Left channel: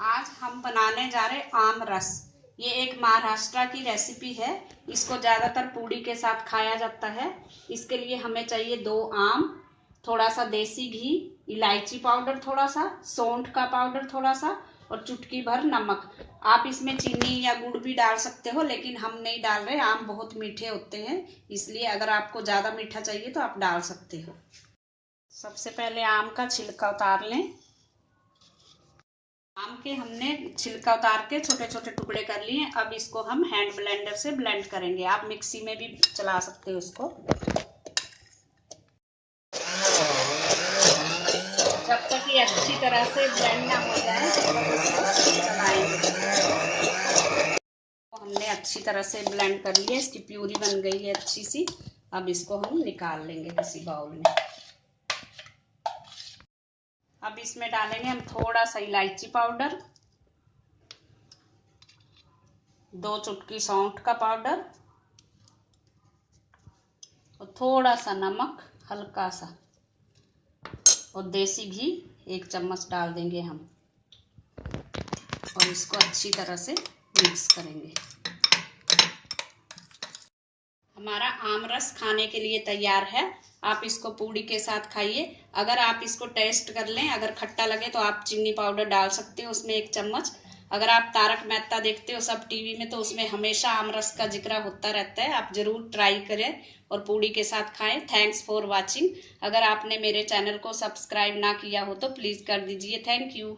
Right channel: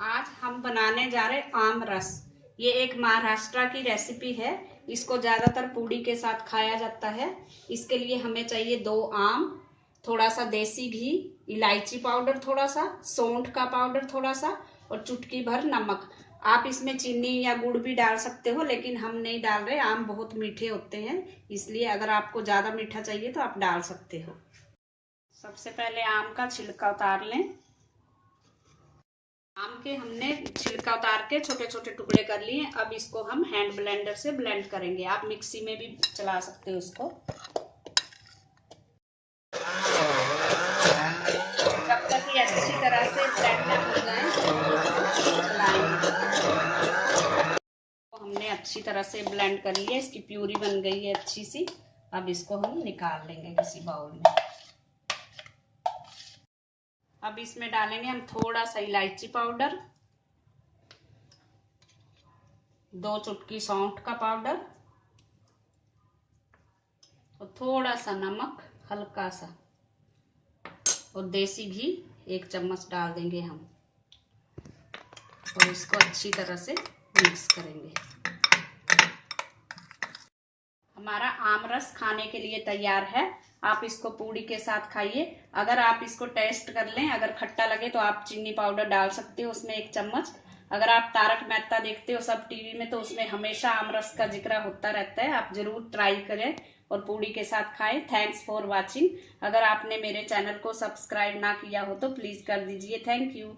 आज हम बनाने जा रहे आम रस। ये एक महाराष्ट्र की रेसिपी है। इसको ज्यादातर पूड़ी के साथ खाया जाता है। इसके लिए हमें चाहिए 2 आम, थोड़ा सा देसी घी, इलायची पाउडर थोड़ा सा, सौंठ का पाउडर थोड़ा सा और चुटकी भर नमक। आप इसमें चीनी या गुड़ भी डाल सकते हो, लेकिन हम नहीं डाल रहे। आम बहुत मीठे होते हैं, इसलिए अगर आपको ज्यादा मीठा चाहिए तो आप डाल सकते हो। सबसे पहले आम का छिलका उतार लें। आम के हमने छिलका उतार के छोटे छोटे टुकड़े कर लिए। अब इसको हम हैंड ब्लेंडर से ब्लेंड करेंगे। आप मिक्सी में भी चला सकते हो इसको। जब तक ये अच्छी तरह से ब्लेंड ना हो जाए तब तक इसको चलाएंगे। हमने अच्छी तरह से ब्लेंड कर लिया, इसकी प्यूरी बन गई है अच्छी सी। अब इसको हम निकाल लेंगे किसी बाउल में। अब इसमें डालेंगे हम थोड़ा सा इलायची पाउडर, 2 चुटकी सौंठ का पाउडर और थोड़ा सा नमक हल्का सा, और देसी घी 1 चम्मच डाल देंगे हम। और इसको अच्छी तरह से मिक्स करेंगे। हमारा आम रस खाने के लिए तैयार है। आप इसको पूड़ी के साथ खाइए। अगर आप इसको टेस्ट कर लें, अगर खट्टा लगे तो आप चीनी पाउडर डाल सकते हो उसमें 1 चम्मच। अगर आप तारक मेहता देखते हो सब टीवी में, तो उसमें हमेशा आम रस का जिक्र होता रहता है। आप जरूर ट्राई करें और पूड़ी के साथ खाएं। Thanks for watching. अगर आपने मेरे चैनल को सब्सक्राइब ना किया हो तो प्लीज कर दीजिए। Thank you.